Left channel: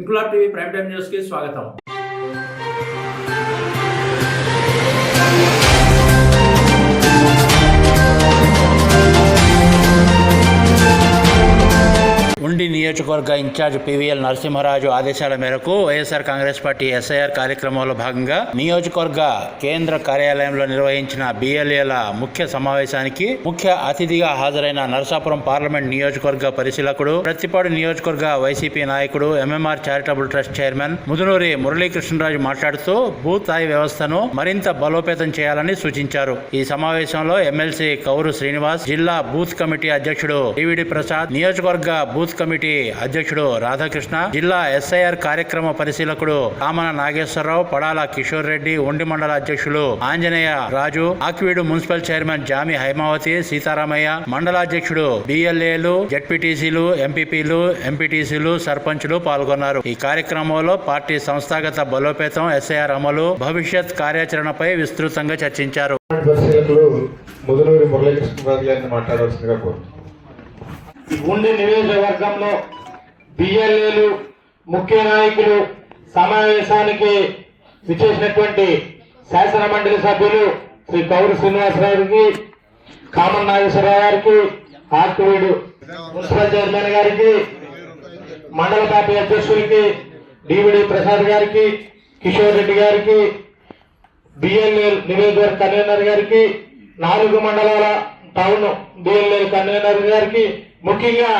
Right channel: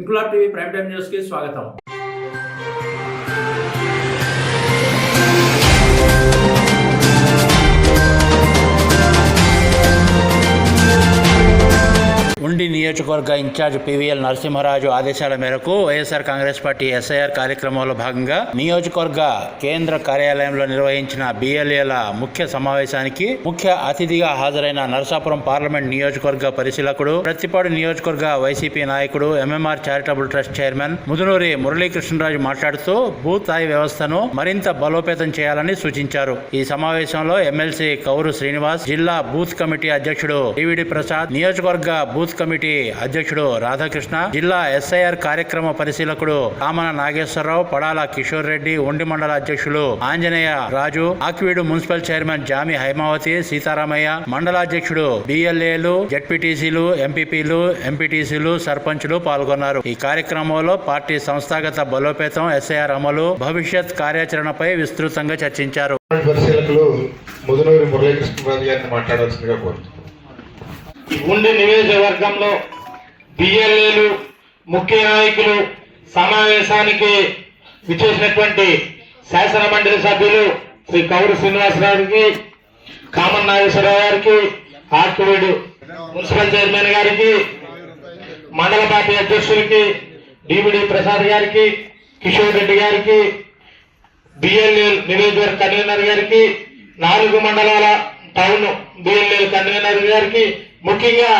Inquilab TV prime time news కి స్వాగతం. ఉండి నియోజకవర్గ ఇన్ఛార్జ్ పివిఎల్ నరసింహరాజు ఆదేశాల మేరకు వైఎస్ఆర్ కాంగ్రెస్ పార్టీ ఎస్ఐఆర్ కార్యక్రమంలో భాగంగా నియోజకవర్గ కేంద్ర కార్యాలయంలో నిర్వహించిన బిఎల్ఏల ముఖ్య సమావేశానికి ముఖ్య అతిథిగా హాజరైన నరసాపురం పార్లమెంట్ నియోజకవర్గ పరిశీలకుడు, ప్రత్తిపాడు నియోజకవర్గ వైసీపీ నాయకుడు, MMR charitable trust chairman Mudunuri Murali Krishna Raju మాట్లాడుతూ బూత్ స్థాయి వ్యవస్థను మరింత బలోపేతం చేయాలని సూచించారు. ఈ సమావేశంలో ఎమ్మెల్సీ కౌరు శ్రీనివాస్, జిల్లా బూత్ కమిటీ అధ్యక్షుడు డివిడి ప్రసాద్, నియోజకవర్గ బూత్ కమిటీ అధ్యక్షుడు రాధాకృష్ణ, జిల్లా ఎస్ఐఆర్ కార్యక్రమ పరిశీలకుడు కామన నాగేశ్వరరావు, పడాల కిషోర్ రెడ్డి, ఉండి మండల అధ్యక్షులు ఆంజనేయ రాజు, ఆక్వీడు మున్సిపల్ చైర్మన్ జామి హైమావతి, సీతారామయ్య, మండలాధ్యక్షుడు బిఎల్ఏలు, జెడ్పీటీసీలు, ఎంపీపీలు, ఎంపీటీసీలు, సర్పంచులు పాల్గొన్నారు. ఈ కార్యక్రమంలో పార్టీ సంస్థాగత బలోపేతం, ఎస్ఐఆర్ అమలు, భవిష్యత్ కార్యాచరణపై విస్తృతంగా చర్చించారు. ఉండి నియోజకవర్గంలో బిఎల్ఏలు ముఖ్య నాయకులు సమావేశానికి విచ్చేసినటువంటి శాసన మండలి సభ్యులు శ్రీ కౌరు శ్రీనివాసరావుకి, కామన్ నాగేశ్వరరావు గారికి, ఆర్కువీడు మున్సిపల్ చైర్మన్ గారికి, మండల పార్టీ అధ్యక్షులకి డివిడి ప్రసాద్ గారికి, కిషోర్ రెడ్డి గారికి, బిఎల్ఏ నియోజకవర్గ కన్వీనర్ గారికి, 4 మండలాల టౌన్ బిఎల్ఏ కన్వీనర్ గారికి, ముఖ్యంగా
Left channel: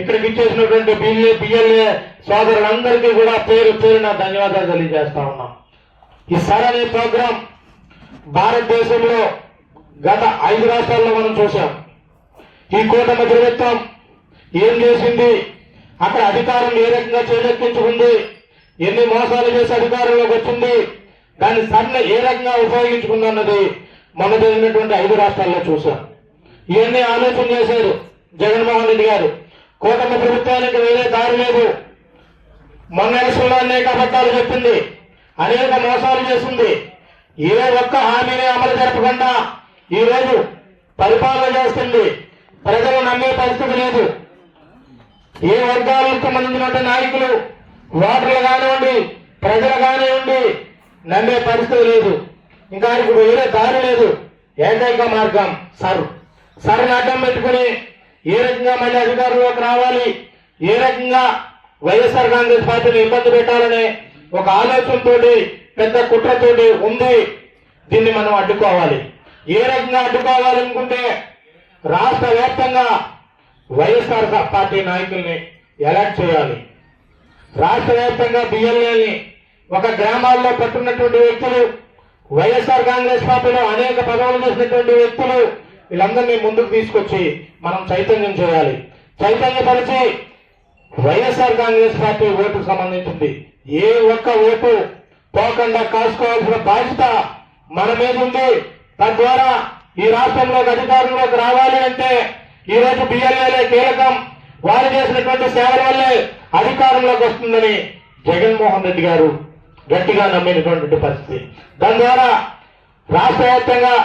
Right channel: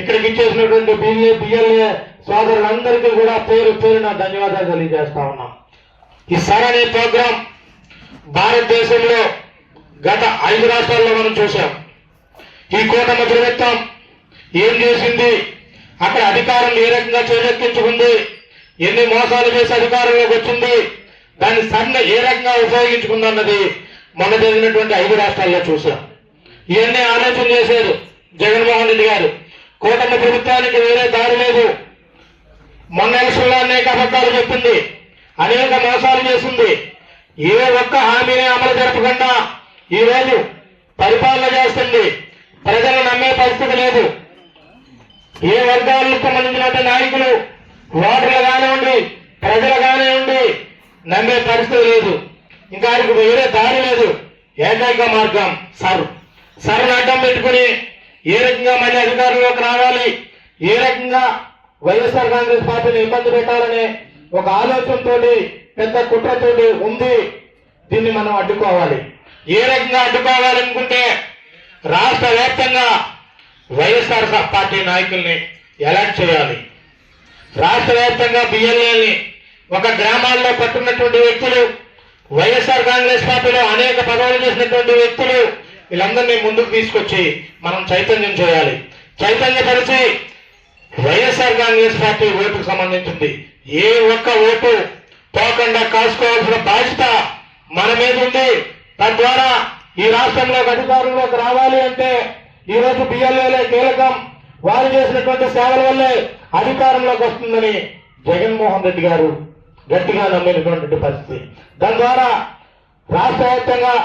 ఇక్కడికి ఇచ్చేసినటువంటి బిఎల్ఏ సోదరులందరికీ కూడా పేరు పేరున ధన్యవాదాలు తెలియజేస్తా ఉన్నాం. ఈ సరణి ప్రోగ్రాం భారతదేశంలో గత 5 రాష్ట్రాల్లో మనం చూసాం. ఈ కూటమి ప్రభుత్వం ఏం చేసింది, అక్కడ అధికారం ఏ రకంగా చేలెక్కించుకుంది, ఎన్ని మోసాలు చేసి అధికారంలోకి వచ్చింది, దాన్ని సన్న ఏ రకంగా ఉపయోగించుకుందన్నది మొన్న జరిగినటువంటి 5 రాష్ట్రాల్లో చూసాం. ఇవన్నీ ఆలోచన చేశారు జగన్మోహన్ రెడ్డి గారు. కూటమి ప్రభుత్వానికి వేరే దారి లేదు. మొన్న ఎలక్షన్లో అనేక అబద్ధాలు చెప్పింది, అనేక మోసాలు చేసింది. ఏ ఒక్క హామీని అమలు జరపకుండా ఈరోజు పరిపాలన చేస్తుంది. ప్రజలు నమ్మే పరిస్థితి లేదు. ఏ వర్గాలకు సంబంధించినటువంటి నాయకులు, ఓటర్లు కానివ్వండి, ప్రజలు కానివ్వండి, నమ్మే పరిస్థితి లేదు. ఇంకా వేరే దారి లేదు. ఏకైక మార్గం సరును అడ్డం పెట్టుకుని ఏ రకంగా మళ్ళీ అధికారంలోకి రావాలి, ఏ రకంగా వైఎస్ఆర్ కాంగ్రెస్ పార్టీని ఇబ్బంది పెట్టాలనే ఒక ఆలోచనతో, పెద్ద కుట్రతోటి ఉంది. దీన్ని మనం అడ్డుకోవాలి. ఏ రకంగా అడ్డుకోవాలనుకుంటే రాష్ట్ర వ్యాప్తంగా వైఎస్ఆర్ పార్టీ నాయకుల్ని ఎలక్ట్ చేయాలి. రాష్ట్ర వ్యాప్తంగా బిఎల్ఏని ఒక గ్రామాల్లో పట్టున్నటువంటి వ్యక్తులు, వైఎస్ఆర్ కాంగ్రెస్ పార్టీలో అనేక పదవులు చేసినటువంటి వ్యక్తులు, వీళ్ళందరినీ ముందుకు తీసుకొచ్చి మనం చైతన్యం చేయాలి. చైతన్యపరిచి వైఎస్ఆర్ కాంగ్రెస్ పార్టీ ఓటుకు సంబంధించింది ఏ ఒక్క ఓటు పోకుండా కాసుకోవాల్సిన బాధ్యత మన మీద ఉంది. తద్వారా ఈ రాష్ట్రంలోకి అధికారంలోకి రావాలి అంటే ఈరోజు బిఎల్ఏలే కీలకం. వారు చేసినటువంటి సేవల వల్లే అధికారంలోకి వస్తుందని జగన్మోహన్ రెడ్డి గారు గట్టిగా నమ్మినటువంటి పరిస్థితి. దాని ద్వారా రాష్ట్ర వ్యాప్తంగా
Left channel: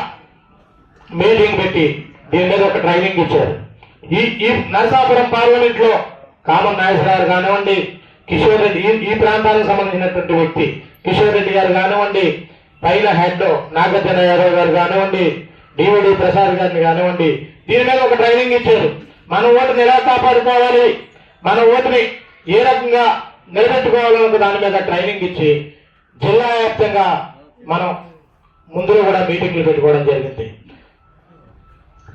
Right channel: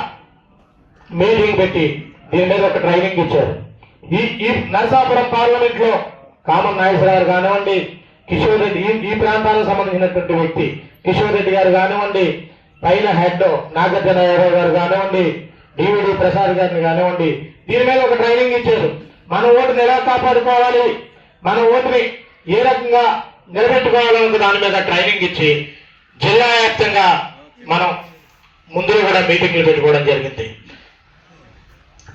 మీటింగ్ పెట్టి దీని మీద ఒక ట్రైనింగ్ ఇచ్చారు. ఈ నరసాపురం పార్లమెంట్ లో కామన్ నాగేశ్వరరావు కానివ్వండి, కిషోర్ రెడ్డి, ఈ ప్రాంతానికి సంబంధించినటువంటి వ్యక్తి కిషోర్ రెడ్డి గారు కానివ్వండి, పైన హెడ్ నాగార్జునరావు గారు కానివ్వండి, డివిడి ప్రసాద్ గారిని కానివ్వండి, దీని మీద ఒక ట్రైనింగ్ ఇచ్చారు. మన ఓటుని ఎలా కాపాడుకోవాలి, మన ఓటుని ఏ రకంగా నిలబెట్టుకోవాలన్న దాని మీద ట్రైనింగ్ ఇచ్చి జిల్లా వ్యాప్తంగా మనం ముందులో కూడా మీటింగ్లు పెట్టుకోవడం జరిగింది.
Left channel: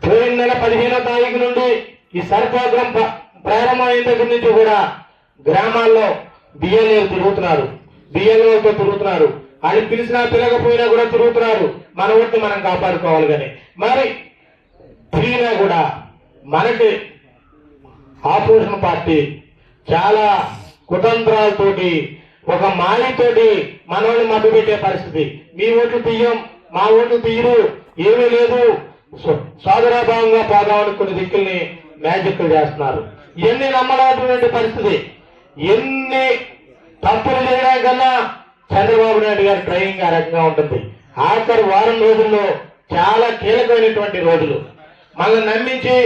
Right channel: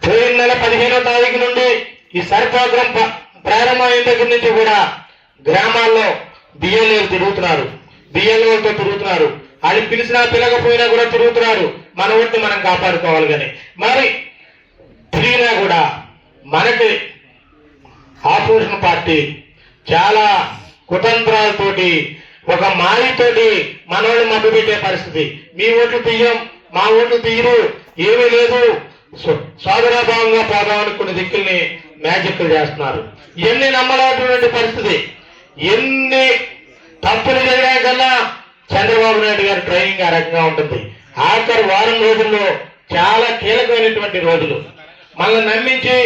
పోయిన నెల 15వ తారీఖు నుండి ఈ సర్ ప్రోగ్రాం ప్రారంభమైన దగ్గర నుంచి కూడా గ్రామాల్లో బిఎల్ఏలు తిరుగుతున్నారు, బిఎల్ఓలతో తిరుగుతున్నారు. అది పిలిచినా పిలకపోయినా కూడా తిరుగుతున్నారు. మన ఓటుని మనం కాపాడుకోవాలి. కానీ మరి తిరిగినా కూడా మనకి ఆపోజిషన్ పార్టీ చాలా కుతంత్రాలతోటి, ఒక మాయతోటి మనోళ్ళు మభ్య పెట్టే పరిస్థితి. మీ ఓట్లు తీయం, మా ఓట్లు తీయరు, ఏమీ లేదు, సోదరాభావంగా పోదామని కొన్ని దిక్కుల్ని మ్యాజిక్లు చేస్తున్నారు. ఇవన్నీ నమ్మలేటువంటి పరిస్థితి. ఎన్ని తప్పులు జరిగాయి కన్నా చంద్రబాబు నాయుడు గారి ట్రైనింగ్ ఆ రకంగా ఉంటుంది. ఆఖరి వారం రోజుల్లో చాలా కీలకమైనటువంటి రోజులు, మనల్ని నమ్మించి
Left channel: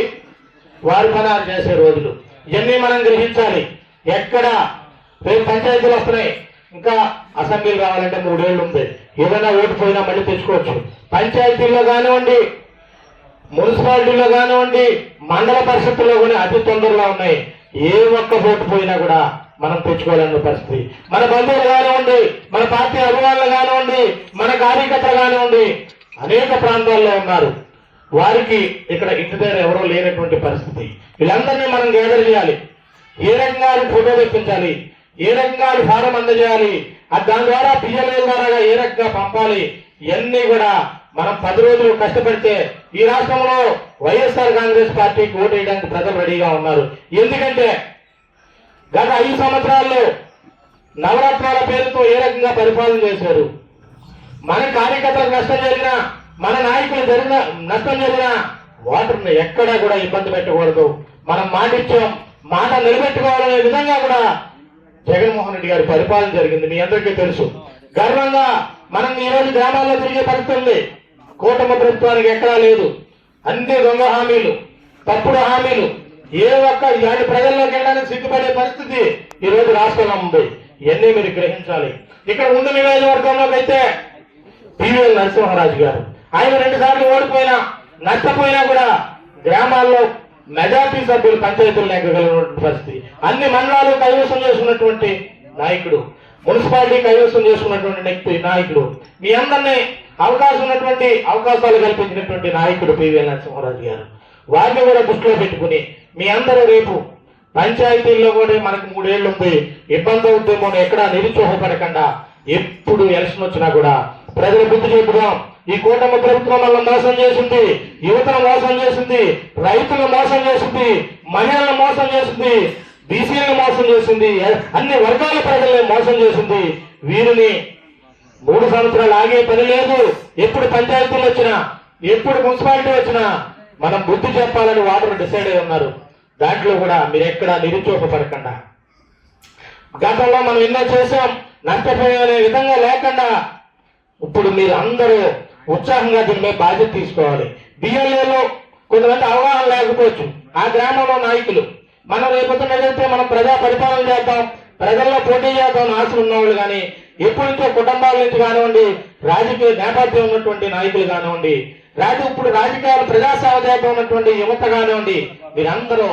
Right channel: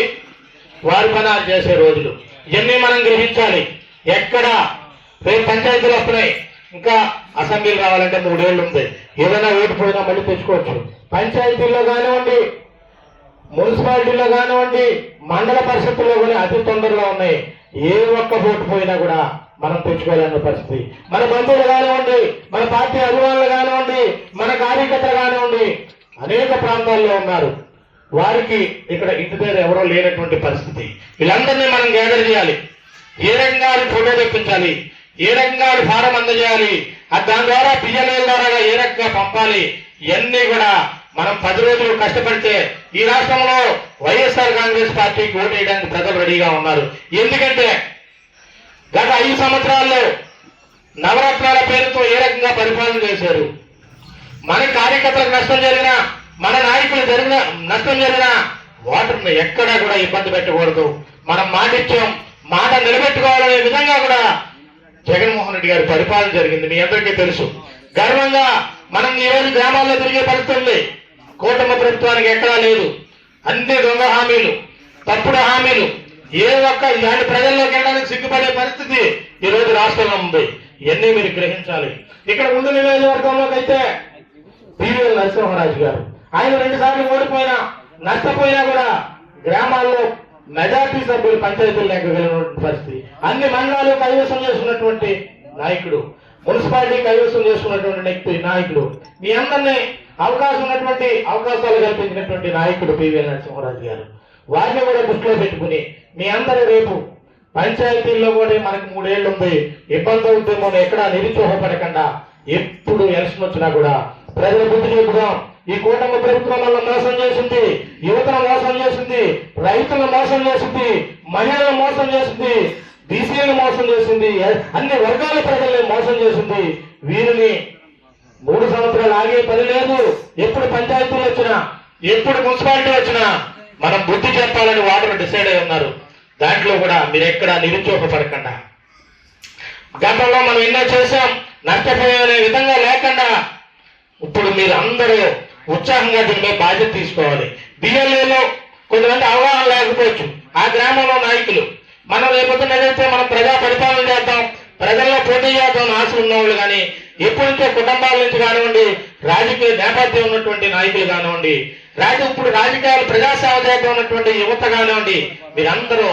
వారి పనాలు చేసే రోజులు. ఇవన్నీ మనం గ్రహించాలి. ఎక్కడ రేపు పంచాయతీలు వస్తున్నాయి, ఇంకా అసెంబ్లీలు రావాలంటే 3 ఏళ్ళు ఉంది. ఏదైనా ఓటు పోయినా మళ్ళీ తెచ్చుకోవచ్చు. పంచాయతీల్లో కానివ్వండి, మున్సిపాలిటీలో కానివ్వండి, మండల పరిషత్తుల్లో కూడా అతి తొందరగా ఉన్నాయి. ఏ ఒక్క ఓటు పోయినా కూడా మనం తెచ్చుకోలేని పరిస్థితి. మన బంధువులు కానివ్వండి, మన పార్టీ అభిమానులు కానివ్వండి, మన కార్యకర్తలు కానివ్వండి, అనేక ప్రాంతాల్లో ఉన్నారు. వారికి ఇక్కడ ఇంటి దగ్గర ఎవరో లేనటువంటి పరిస్థితి. వీళ్ళందరినీ మనం గ్యాదర్ చేయాలి. ఏ రకంగా ఫోటో తెప్పించాలి, ఏ రకంగా ఫారం అందజేయాలి, దాని ద్వారా పిఎల్ఏల ద్వారా ఏ రకంగా పంపాలి, ఇవన్నీ కూడా మనం 10 రోజులు కష్టపడితే ఈ రాష్ట్రంలో వైఎస్ఆర్ కాంగ్రెస్ పార్టీకి ఓటు వేయడానికి ప్రజలు రెడీగా ఉన్నారు. ఎందుకంటే గత 5 సంవత్సరాల్లో నవరత్నాల పేరుతో ఏ రకంగా పరిపాలన చేశారు. మన కార్యకర్తలకు నష్టం జరిగినా, మన నాయకులు జరిగిన నష్టం జరిగినా వాటిని ఎక్కడా కూడా ఇబ్బంది పెట్టకూడదు. మనం మాటిచ్చాం, మాట నిలబెట్టుకోవాలనే విధంగా కూడా జగన్మోహన్ రెడ్డి గారి పరిపాలన జరిగింది. మీ అందరికీ తెలుసు. గర్వంగా మనం ఈ రోజు గ్రామాల్లో తిరిగే పరిస్థితి ఉంది. కూటమి ప్రభుత్వానికి ఎక్కడా లేదు. అన్ని దొంగ హామీలు, తప్పుడు హామీలు, ఏ ఒక్క ఇలాంటి ప్రజల్లోకి వెళ్ళడానికి సిగ్గుపడే పరిస్థితి ఈ రోజు రాష్ట్రంలో ఉంది. ఇవన్నీ మీరు గ్రహించాలి. ఇక్కడ ముందు నియోజకవర్గంలోకి అయితే పివిఎల్ నరసింహరాజు గారు, ఆయన 2 సార్లు ఓడిపోయినా నష్టపోయినా కూడా గ్రామాల్లో మెజార్టీ సభ్యులు పంచాయతీలు ఎక్కగలిగినటువంటి పరిస్థితి. అన్ని మండలాలు కైవసం చేసుకున్నటువంటి నాయకుడు, మున్సిపాలిటీ కైవసం చేసుకున్నటువంటి నాయకుడు, మీ అందరినీ అవకాశాలు కల్పించినటువంటి నాయకుడు పివిఎల్ నరసింహరాజు గారు. వారిని కూడా దృష్టిలో పెట్టుకుని మీ అందరూ రేపు పంచాయతీల్లో కూడా మనకు 3 ఏళ్ళు ఉంది, ఇబ్బంది అవుతుందేమో ఎక్కడా నిరుత్సాహపడకుండా ఎప్పుడు ఎలక్షన్ వచ్చినా కూడా ప్రజలు బుద్ధి చెబుదాం. ఈ కూటమి ప్రభుత్వం వల్ల మోసం చేసింది, యువతను మోసం చేసింది, రైతులను మోసం చేసింది, మహిళలను మోసం చేసింది, బీసీలను మోసం చేసింది, అన్ని వర్గాల ప్రజల్ని మోసం చేసింది. వీరిని 3 సంవత్సరాలు ఆగే పని లేదు. ఎప్పుడు పంచాయతీలు వచ్చినా, ఎప్పుడు మున్సిపాలిటీ వచ్చినా మనం బుద్ధి చెప్పాలని వారు డిసైడ్ అయి ఉన్నారు. దాంట్లో కూడా మీరు ఎక్కడా నిరుత్సాహపడకుండా, గతంలో మనం ఎన్నో చేశాం, నష్టపోయే విధంగా లేకుండా ఇప్పుడు మీరు అందరూ ఉత్సాహంగా దీని మీద బాధ్యత తీసుకోవాలి. బిఎల్ఏలో కొంతమంది అవగాహన లేకపోవచ్చు. ఆ గ్రామంలో నాయకులు మనం రేపొద్దున ఏదైతే మనం ప్రజా పరిపాలన చేద్దాం, ప్రజల్లో పోటీ చేద్దాం ఆశలు ఉన్నవాళ్ళు కానీ, ఎప్పటి నుంచో కుటుంబాల నుంచి కానివ్వండి, రాజకీయ నేపథ్యం ఉన్నటువంటి నాయకులు కానివ్వండి, ఇప్పుడు రాజకీయాలు ప్రజాసేవ చేద్దాం ఉన్నటువంటి యువత కానివ్వండి, మీరందరూ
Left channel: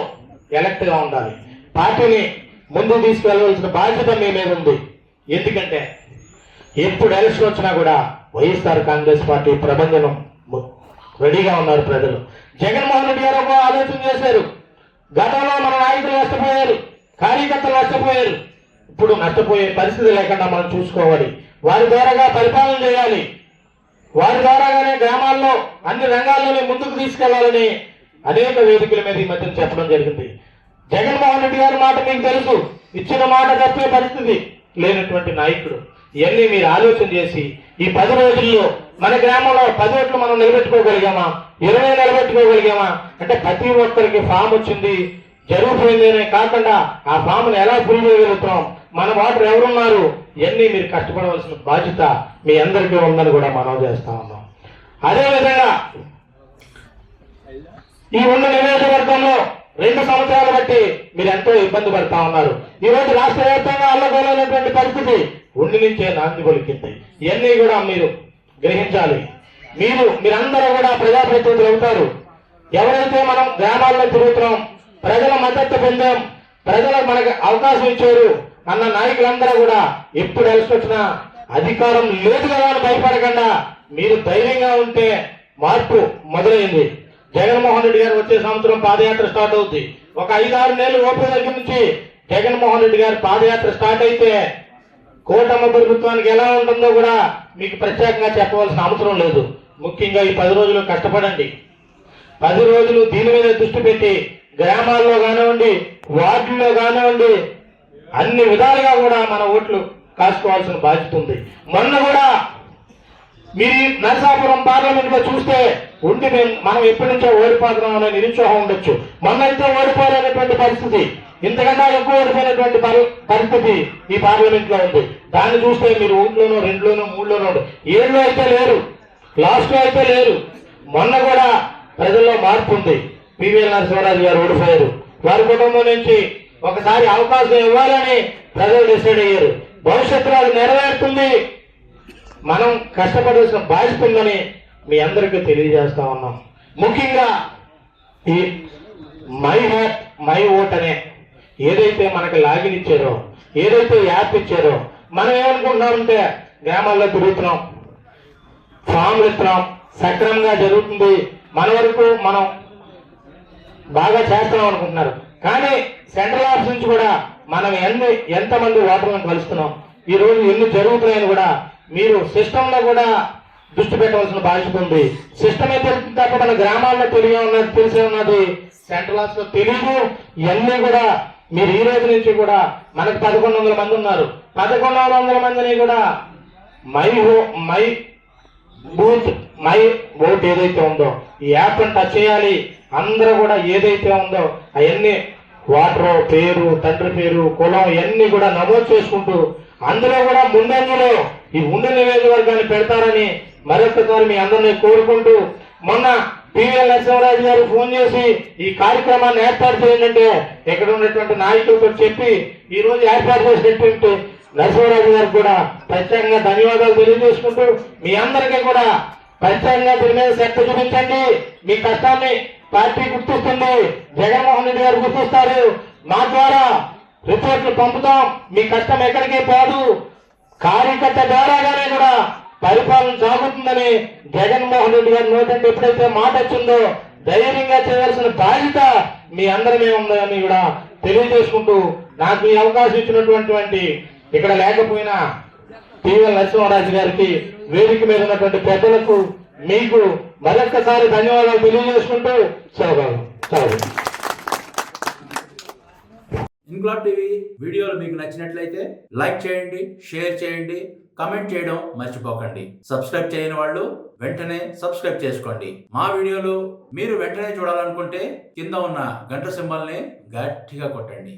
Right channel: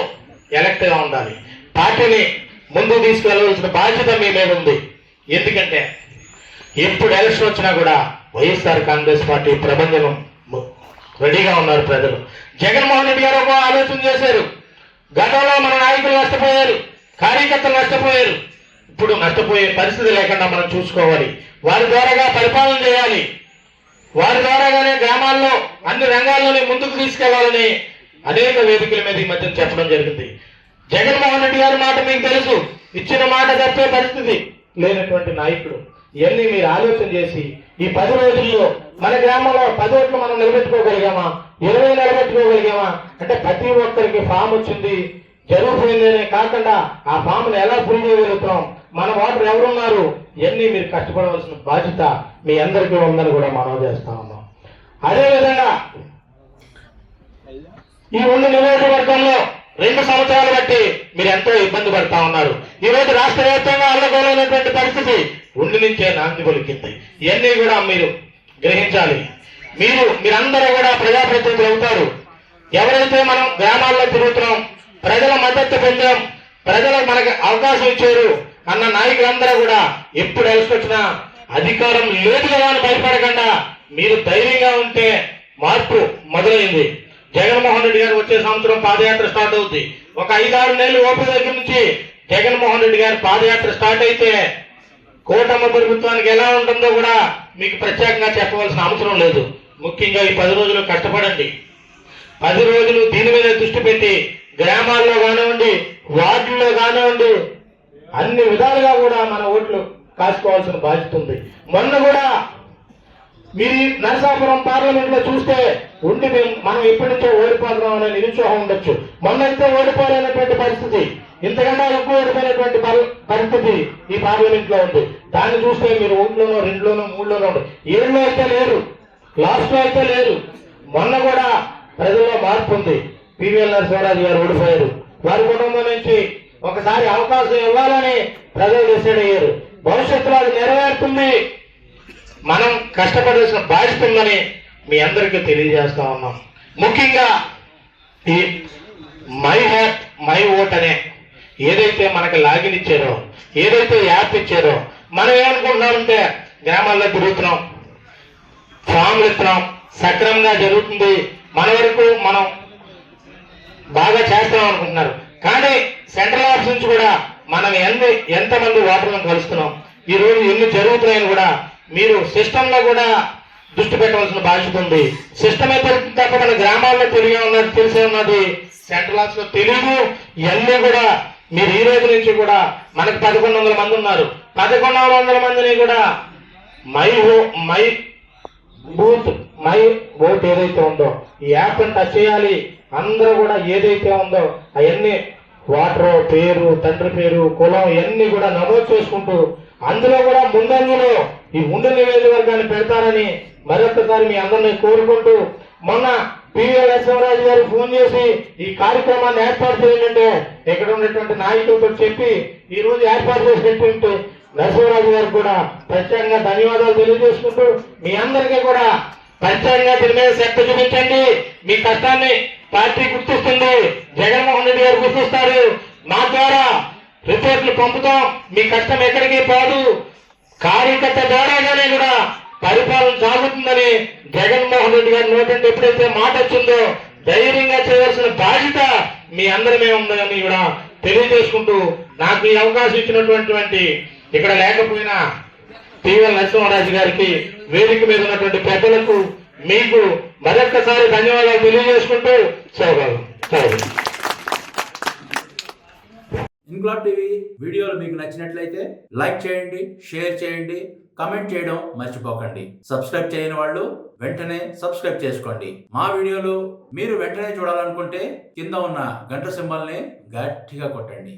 ఎలక్ట్ గా ఉండాలి. పార్టీని ముందుకు తీసుకెళ్లవలసిన బాధ్యత మీ మీద ఉంది. ఎందుకంటే ఎప్పుడు ఎలక్షన్ వచ్చినా కూడా వైఎస్ఆర్ కాంగ్రెస్ పార్టీ ప్రభంజనం రెడీగా ఉన్నారు ప్రజలు. జగన్మోహన్ రెడ్డి గారు ఒక ఆలోచన చేశారు. గతంలో మన నాయకులు నష్టపోయారు, కార్యకర్తలు నష్టపోయారు. ఇప్పుడు నష్టపోయే పరిస్థితి లేకుండా మనం చూసుకోవాలి. వారి ద్వారాగా పరిపాలన చేయాలి. వారి ద్వారాగానే గ్రామాల్లో అన్ని రంగాల్లోనే ముందుకు తీసుకెళ్లాలని అనేక వేదికల మీద ఈ మధ్య చెప్పడం జరిగింది. జగన్మోహన్ రెడ్డి గారి మాట మీకు తెలుసు. ఇచ్చిన మాట తప్పే పరిస్థితి లేనటువంటి నాయకుడు. ఇవన్నీ మీరు ఆలోచన చేసి ఈ 10 రోజుల్లో మన గ్రామంలో 10 ఓట్లు మనం నిలబెట్టుకోగలిగామా, 20 నిలబెట్టుకోగలిగామా అంటే ప్రతి ఒక్కరికి ఫామ్ వచ్చింది జరుగుతుందనే కాకుండా ఆ ఫామ్ను ఎలా ఫిల్ చేయగలుగుతాం, మన వాటర్ ఎవరున్నారు, ఇవన్నీ మీరు కష్టపడవలసిన బాధ్యత మీ అందరికీ ఉందని కూడా మనం చేస్తా ఉన్నాం. అదేవిధంగా ఈ 2 నియోజకవర్గంలో 2 సంవత్సరాలు బట్టి మీరు ఎంతో ఇబ్బంది పడతా ఉన్నారు. ఈ రోజు రాష్ట్ర వ్యాప్తంగా అల్లగోలైనటువంటి పరిస్థితి ఉండి నుంచే నాంది పలికింది. ఇవన్నీ కూడా మీరు గ్రహించాలి. మీరందరూ కూడా ప్రజాప్రతినిధులు అవుతారు. ఎవరైతే మనం గ్రామాల్లో తిరుగుతున్నాం, ప్రజల మద్దతు పొందాం, ప్రజలు మనకు అవకాశం ఇచ్చారు అన్న నాయకులందరూ కూడా ఎప్పుడు ఎలక్షన్ అధికారం లేదు కదా అని భయపడకుండా మీరు ధైర్యంగా ఉంటే మార్పు మొదలైంది. జగన్మోహన్ రెడ్డి గారు వచ్చే సంవత్సరం పాదయాత్ర స్టార్ట్ అవుతుంది. ఒక 5-6 నెలలు ఓపిక దగ్గర నుంచి జగన్మోహన్ రెడ్డి గారి పాదయాత్ర స్టార్ట్ అయితే కూటమి ప్రభుత్వానికి ఎలా ఉంటుందో కూడా మీకు ప్రత్యేకంగా చెప్పవలసిన అవసరం లేదు. ముఖ్యంగా ఈ 10 రోజులు కష్టపడండి. 10 రోజులు దీని మీద దృష్టి పెట్టి గ్రామాల్లో కానివ్వండి, వార్డుల్లో కానివ్వండి, అన్ని విధాలుగా కూడా మన ఓట్లు కాసుకోవాల్సిన బాధ్యత ఉంది. మొన్న కూడా మీరు నరసాపురం పార్లమెంట్ లో చూస్తే మనం ఎప్పటి నుంచో ఓడిపోతున్నాం అనే నిరుత్సాహం ఉండొచ్చు. మొన్న అయితే ఓడిపోవాలనేటువంటి పరిస్థితి. ఇంతకన్నా ఎక్కువ ఓడిపోయినటువంటి పరిస్థితి ఈ పార్లమెంట్ లో ఉంది. దాన్ని చూస్తే మీరు 1లోనో 2లోనో 3లోనో ఉంది. 7లో అయితే లేరు, లాస్ట్ లో అయితే లేరు. మొన్న కూడా ప్రజల్లో మార్పు ఉంది. పివిఎల్ నరసింహరాజు గారు ఓడిపోయారు. వారి కుటుంబం నుంచి ఒకసారి అవకాశం ఇవ్వాలని ప్రజలు డిసైడ్ అయ్యారు. భవిష్యత్తులో అది నెరవేరుతుంది, మనం కష్టపడాల్సిన బాధ్యత ఉందని మీ అందరికీ తెలియజేస్తా ఉన్నాం. ముఖ్యంగా ఈ మై హ్యాప్ మై ఓట్ అనే ఏదైతే మనకి లాగిన్ ఇచ్చారో, ఏదైతే యాప్ ఇచ్చారో, మనం ఏమనుకుంటున్నామంటే గ్రామాల్లో తిరుగుతున్నాం, ఫామ్లు ఇస్తున్నాం, సక్రమంగా జరుగుతుంది, మన వరకు మనం బాగా చేస్తున్నాం అనుకుంటున్నారు. కానీ సెంట్రల్ ఆఫీస్ నుంచి కూడా మనం ఎంతమంది ఓటర్లను కలుస్తున్నాం, ఈ రోజు ఎన్ని జరుగుతున్నాయని కూడా మీరు సిస్టమ్ లో కూడా దృష్టి పెట్టవలసిన బాధ్యత ఉంది. సిస్టమ్ అయితే తప్ప మన గ్రామాల్లో తెలిసే ఉన్నది, సెంట్రల్ ఆఫీస్ లో తెలియదు. ఇవన్నీ కూడా మీరు ఈ రోజు నుంచి కూడా మనకు 1100 మంది ఉన్నారు. 1100 మందిని కూడా మై బూత్ మై ఓట్ ఏదైతే ఉందో ఈ యాప్ టచ్ చేయాలి. అందరూ కూడా ఏదైతే ఉందో అవన్నీ వాటర్ పేరు, తండ్రి పేరు, కులం ఇవన్నీ కూడా నమోదు చేసుకుంటూ అందులో కూడా ముందంజలో ఈ ఉండి నియోజకవర్గాన్ని పెడతారని మరొకసారి మీ అందరినీ కోరుకుంటూ, మొన్న పివిఎల్ నరసింహరాజు గారు ఫోన్ చేసి ఈ కార్యక్రమాన్ని ఏర్పాటు చేయాలంటే ఇక్కడ ఉన్నటువంటి నాయకులతో చెప్పి ఈ రోజు ఏర్పాటు చేసినటువంటి నరసింహరాజు గారికి కూడా ప్రత్యేకంగా ధన్యవాదాలు తెలియజేసుకుంటూ, మీ అందరికీ కూడా ప్రత్యేకంగా దీని మీద శ్రద్ధ చూపించండి. మీ కష్టాన్ని పార్టీ గుర్తిస్తుంది, జగన్మోహన్ రెడ్డి గారు గుర్తిస్తారు. మా ద్వారా రిపోర్ట్లు పంపుతాం. మీ కష్టం ఎక్కడికి పోదు, కార్యకర్త ద్వారాగానే కూడా పరిపాలన సాగుతుందని జగన్మోహన్ రెడ్డి గారి నోటంటే ఎప్పుడైతే మాట వచ్చిందో ధైర్యంగా చేయవలసిన బాధ్యత మీ అందరి మీద ఉందని కూడా తెలియజేసుకుంటూ, నాకు ఈ అవకాశం ఇచ్చినటువంటి ఇక్కడ లేకపోయినా పివిఎల్ నరసింహరాజు గారికి, వేదిక మీద ఉన్నటువంటి పెద్దలకు, మీకు మరొక్కసారి ధన్యవాదాలు తెలియజేసుకుంటూ చదువు. ఇంక్లాబ్ టీవీ వీడియోలు మీకు నచ్చినట్లయితే లైక్ చేయండి, షేర్ చేయండి, కమెంట్ చేయడం మర్చిపోకండి. సబ్స్క్రైబ్ చేయని వాళ్ళు వెంటనే సబ్స్క్రైబ్ చేసుకోండి. మా వీడియోలు మీరు వెంటనే చూడాలనుకుంటే కింద ఉన్న గంట సింబల్ని గట్టిగా కొట్టండి.